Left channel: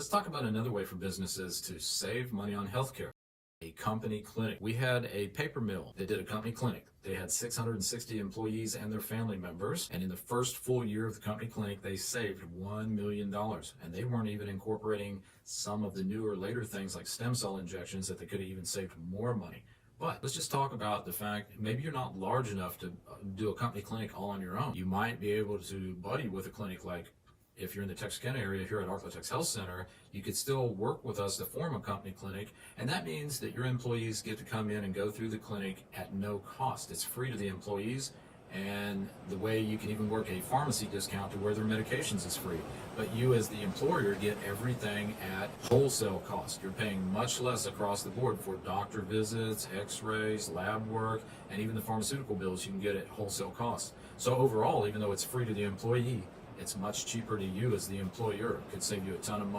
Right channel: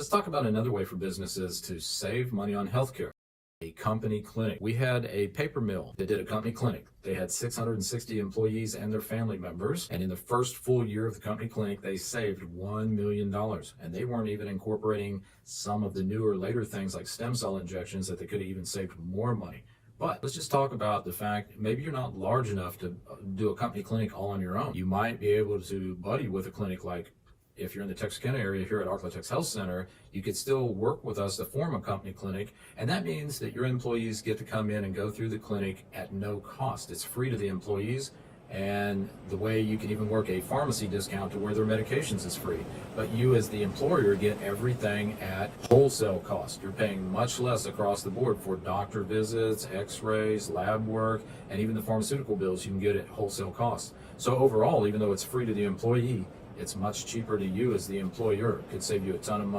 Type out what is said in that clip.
Let's talk about another way for businesses to save money on healthcare. A company clinic. We had a paper mill that did a company clinic. They had 660 employees and their family members. And in the first full year of the company clinic, they saved $1 million. And they weren't even incorporating some of the newer, later things like stem cell injections that they could have even saved more money. But let's just talk about the fact maybe you're not large enough to do a company clinic all on your own. You might be able to buddy with a clinic like if you're in the Texarkana area here at Arklatex Health Center, you could still work with us to form a company clinic. And that means that your employees get to come in and go through the clinic at no cost. It's free to the employees. And the way you can even work a pharmacy discount to where their medications is free. But you as the employer get everything at wholesale cost. You're paying much less across the board for doctor visits, x-rays, lab work, and even the pharmaceutical bills you can get at wholesale cost. So overall, even though it's free to the employee, it's much cheaper to you as the employer. It could save you a ton of money.